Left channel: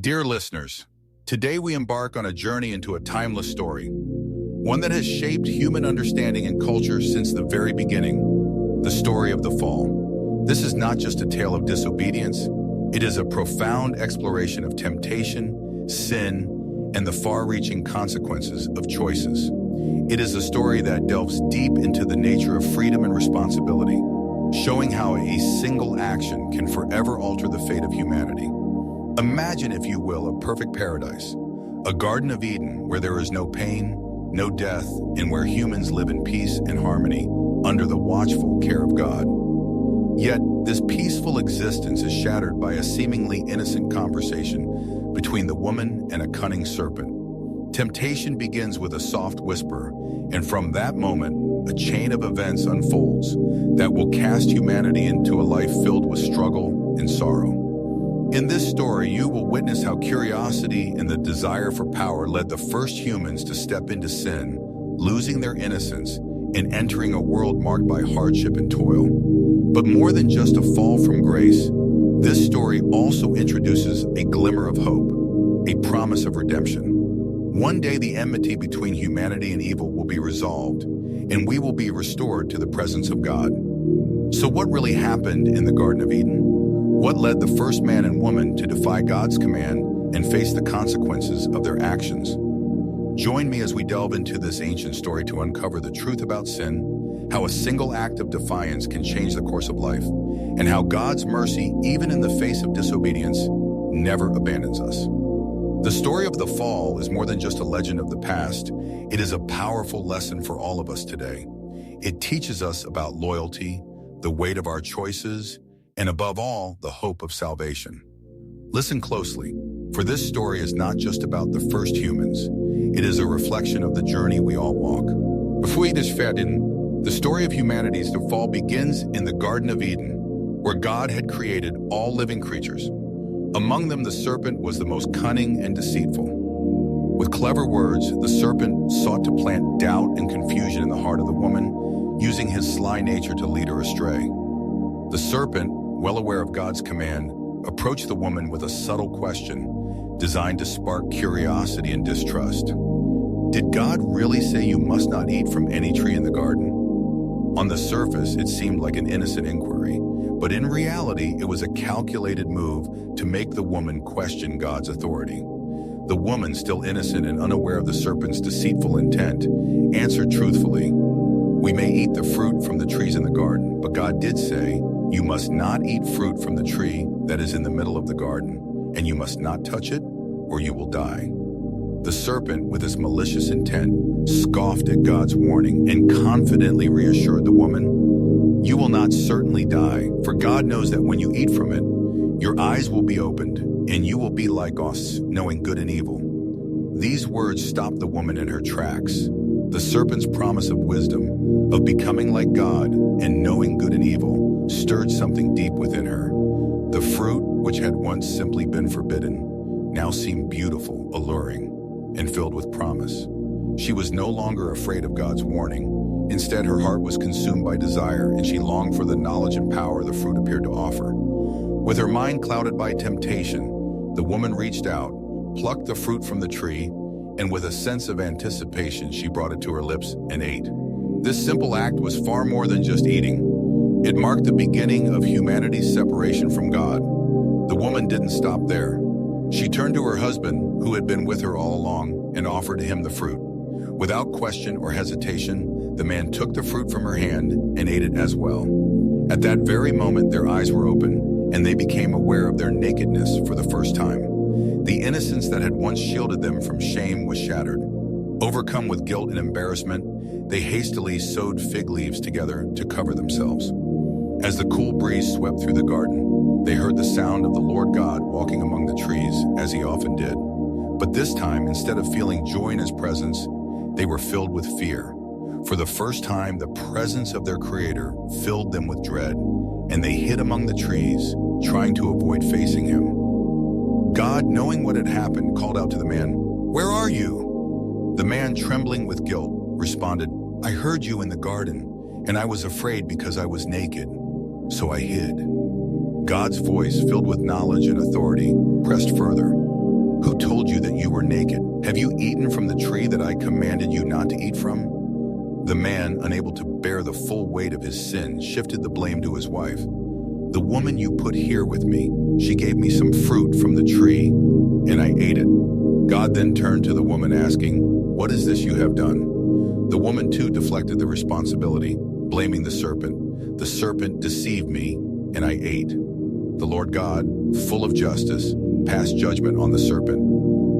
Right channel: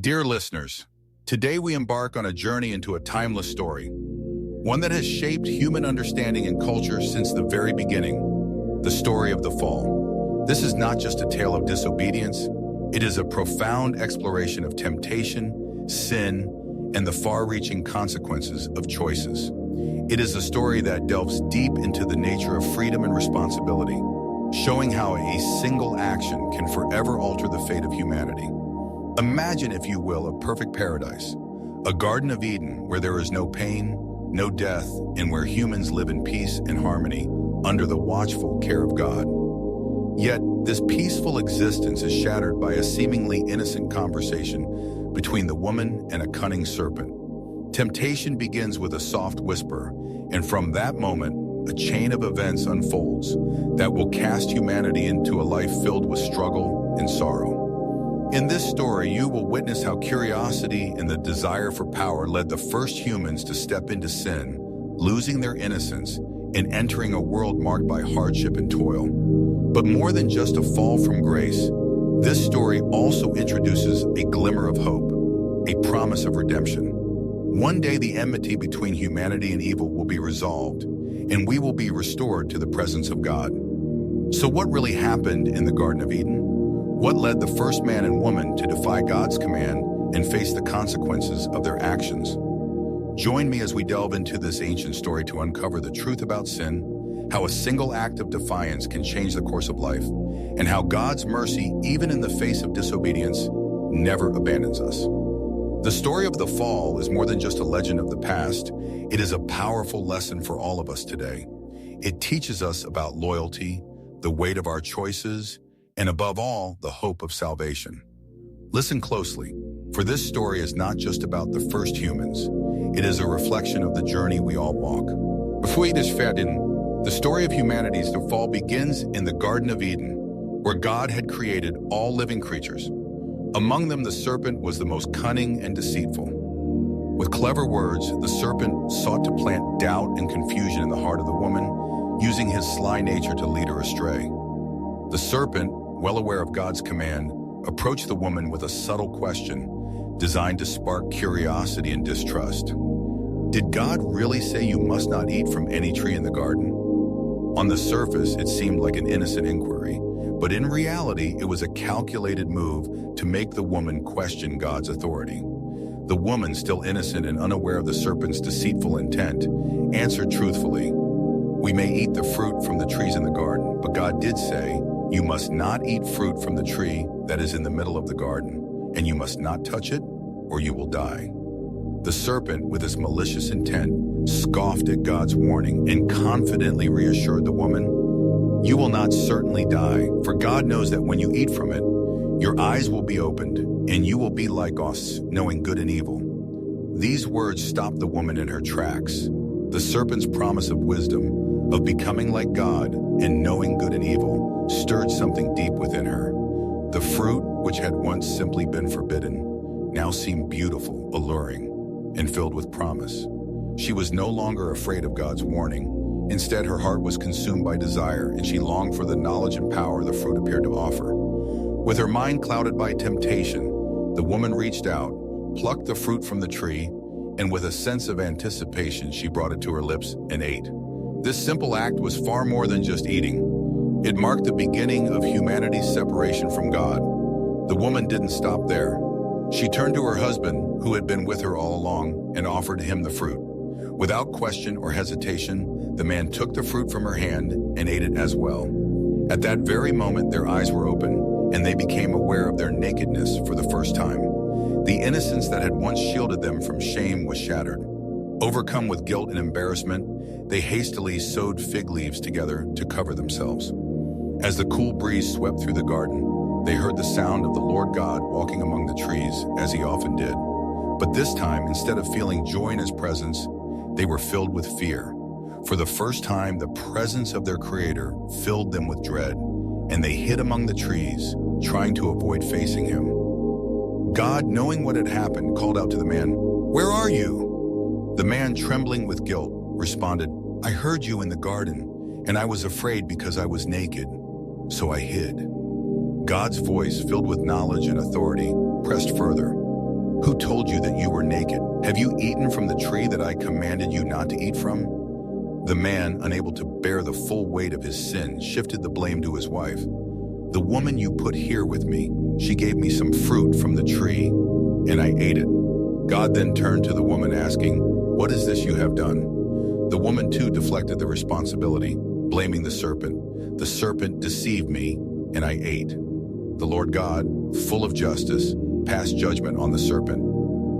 Dear listeners, today we embark on a journey into a timeless story, one that has shaped human understanding and culture since the very beginning, the story of the fall. This is not just a tale of disobedience, it is a profound exploration of temptation, sin, and the far-reaching consequences of choices. It is a story that delves deep into the nature of freedom and responsibility, showing how a single action can forever alter the fate of humanity. Imagine, if you will, a perfect paradise, a Garden of Eden where there is no pain, no death, and where humans live in peace and harmony under the watchful care of God. Yet, this peaceful existence is shattered by a seemingly innocent conversation between the woman and a cunning serpent. Temptation begins with a soft whisper, and from that moment, a chain of events unfolds that will cast humanity into a life filled with struggle and sorrow. In this story, you will witness how curiosity and the desire for power led the first humans to step into sin, losing their innocence and entering a world marked by hardship and toil. But more than just a fall from grace, this story also introduces a glimmer of hope, a promise of redemption. One day, the enmity between humanity and evil will be resolved, and we will be restored to the presence of God. So what really happened in the Garden of Eden? What led the first man and woman to defy God's command and face the consequences of their actions? Join me as we delve into this ancient story to uncover the truth about sin, how a single act of defiance can change the course of life, and how God's mercy, even in the face of disobedience, never abandons us. The story of the fall is more than just a legend of the past. It is a powerful lesson for all of us today. It teaches us about loyalty, the weight of our choices, and above all, the hope of salvation. Listen closely, for this story is not just about the first humans. It is a reflection of the journey we all walk. Before we starten, the story of humanity's fall begins in the Garden of Eden, where God had created all living creatures. Among them, the serpent was the most cunning and deceitful. With clever words, the serpent sought to plant doubt and confusion in the heart of the woman, using his sly nature to lead her astray. The serpent, well aware of God's command, approached the woman with a subtle question designed to spark curiosity and distrust. Did God really say you must not eat from any tree in the garden? On the surface, it seemed like an innocent inquiry, but in reality, it was a calculated move to make the woman question God's authority. The woman, still innocent and unaware of the serpent's deceitful intent, answered truthfully, "We may eat the fruit from the trees in the garden, but God did say, you must not eat fruit from the tree that is in the middle of the garden, and you must not touch it, or you will die." The serpent, with his malicious intent, scoffed at God's warning and confidently reassured the woman, "You will not certainly die, for God knows that when you eat from it, your eyes will be opened, and you will be like us, knowing good and evil." These words stopped the woman in her tracks. The serpent's promise of wisdom, of becoming like God and knowing good and evil, stirred something deep within her. The fruit, which had once simply been forbidden, now seemed beautiful, alluring, and filled with promise. She was no longer afraid of God's warning. Instead, her heart was consumed by desire, and she longed for the knowledge and power the fruit appeared to offer. With her mind clouded by temptation, the woman reached out, plucked the fruit from the tree, and with a sense of anticipation, she brought it to her lips and ate. This simple act was far more than just eating. It marked the beginning of humanity's separation from God. The woman didn't stop there. She turned to her husband, who had been with her all along, and offered him the fruit. Without question or hesitation, the man took the fruit from her hand and ate it as well. At that very moment, their eyes were open, and they became aware of their nakedness for the first time. The innocence that had once shielded them from shame was shattered. Overcome with guilt and embarrassment, they hastily sewed fig leaves together to cover themselves. As the cool breeze swept through the garden, they heard the sound of the Lord God walking among the trees, as he often did. But this time, instead of feeling joy in his presence, they were filled with fear. For the first time, the presence of their Creator filled them with dread, and they hid among the trees, trying to avoid facing him. God, knowing what had happened, called out to the man, "Where are you?" The man, trembling with guilt, responded, "I heard you in the garden, and I was afraid because I was naked, so I hid." God's voice, filled with knowledge and authority, pressed further. told you that you were naked. Have you eaten from the tree that I commanded you not to eat from?" The man, unable to bear the full weight of his sin, shifted the blame to his wife. "The woman you put here with me, she gave me some fruit from the tree, and I ate it." God then turned to the woman, asking, "What is this you have done?" The woman too deflected the responsibility, blaming the serpent. "The serpent deceived me, and I ate." The Lord God, full of justice, passed judgment on the serpent,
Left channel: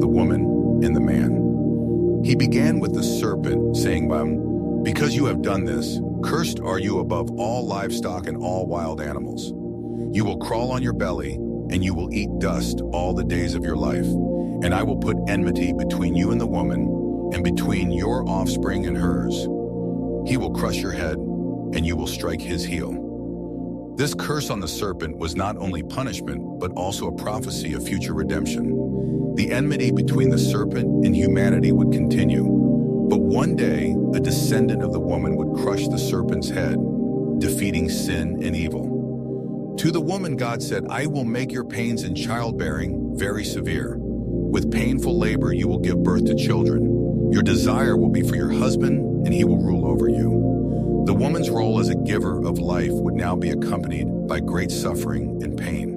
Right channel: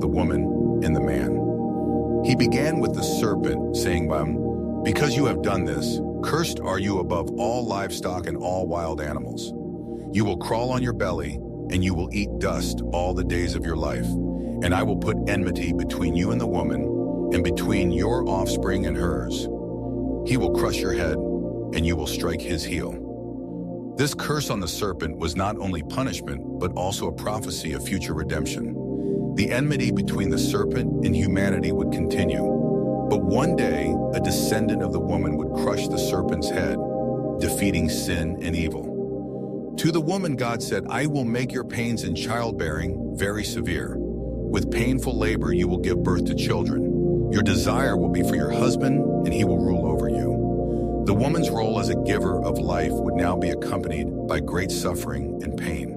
the woman, and the man. He began with the serpent, saying by him, "Because you have done this, cursed are you above all livestock and all wild animals. You will crawl on your belly, and you will eat dust all the days of your life. And I will put enmity between you and the woman, and between your offspring and hers. He will crush your head, and you will strike his heel." This curse on the serpent was not only punishment, but also a prophecy of future redemption. The enmity between the serpent and humanity would continue, but one day, a descendant of the woman would crush the serpent's head, defeating sin and evil. To the woman, God said, "I will make your pains in childbearing very severe. With painful labor, you will give birth to children. Your desire will be for your husband, and he will rule over you." The woman's role as a giver of life would now be accompanied by great suffering and pain.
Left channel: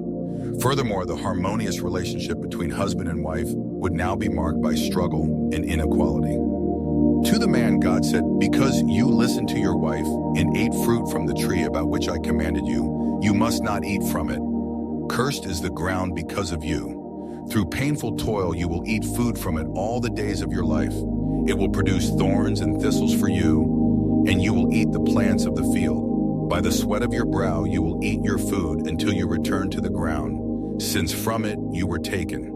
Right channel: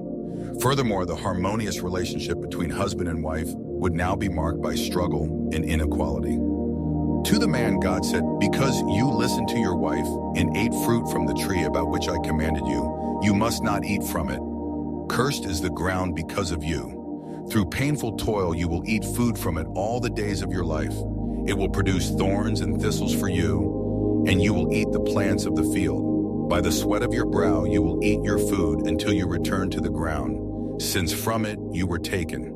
Furthermore, the harmonious relationship between husband and wife would now be marked by struggle and inequality. To the man, God said, "Because you listened to your wife and ate fruit from the tree about which I commanded you, you must not eat from it. Cursed is the ground because of you. Through painful toil you will eat food from it all the days of your life. It will produce thorns and thistles for you, and you will eat the plants of the field. By the sweat of your brow you will eat your food until you return to the ground, since from it you were taken.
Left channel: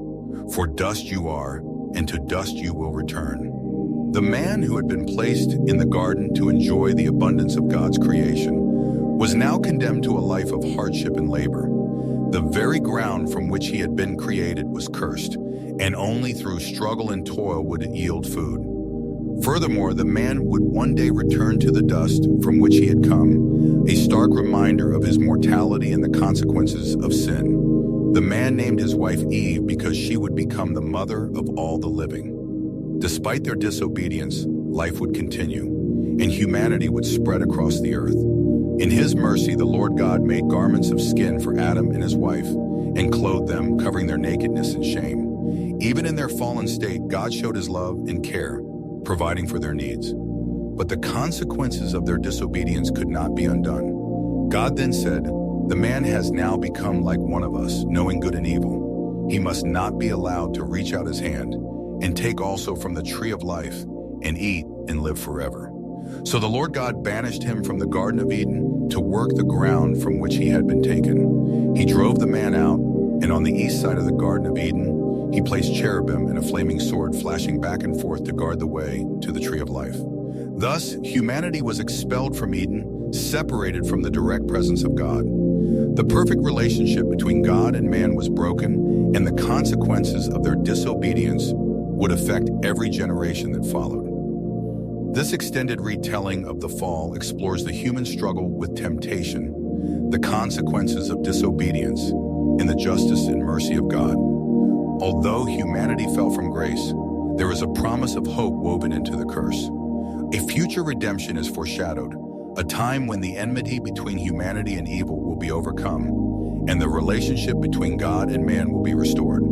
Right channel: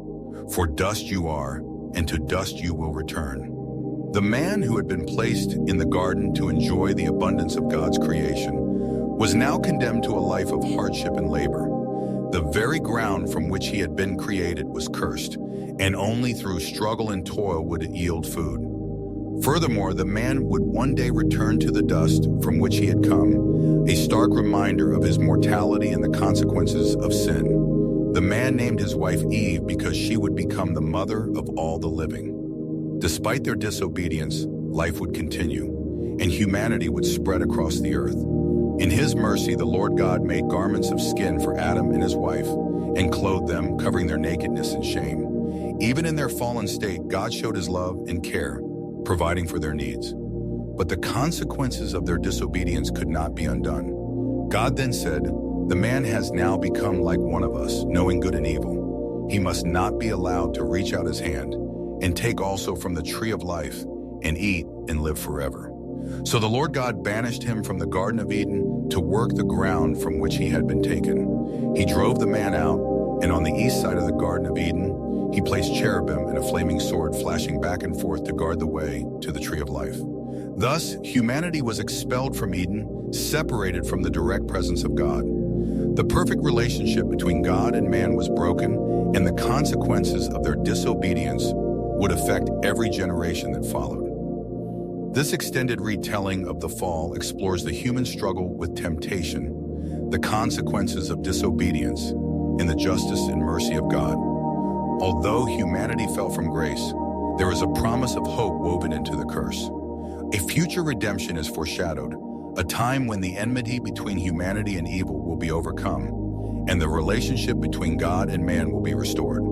For dust you are, and to dust you will return." The man who had been placed in the garden to enjoy the abundance of God's creation was now condemned to a life of hardship and labor. The very ground from which he had been created was cursed, and only through struggle and toil would it yield food. Furthermore, the man would one day return to the dust from which he had come, a stark reminder of his mortality and the consequences of sin. The man named his wife Eve because she would become the mother of all the living. Despite their disobedience, life would continue, and humanity would spread across the earth. In his mercy, the Lord God made garments of skin for Adam and his wife, and clothed them, covering their nakedness and shame. Even in their fallen state, God showed his love and care, providing for their needs. But the consequences of their disobedience could not be undone. God then said, "The man has now become like one of us, knowing good and evil. He must not be allowed to reach out his hand and take also from the tree of life and eat and live forever." So the Lord God banished him from the Garden of Eden to work the ground from which he had been taken. He drove the man out, and on the east side of the Garden of Eden, he placed cherubim and a flaming sword flashing back and forth to guard the way to the tree of life. Thus, humanity was expelled from Eden, separated from the direct presence of God. The perfect relationship between God and man was broken, and the consequences of their disobedience would affect every generation that followed. This extended retelling of the fall explores the human struggle with temptation, the consequences of disobedience, and the justice and mercy of God. Although humanity fell from grace, there is a promise of hope woven into the curse. A future redemption is foreshadowed, a time when the enmity between humanity and evil will be overcome, and the relationship between God and man will be restored.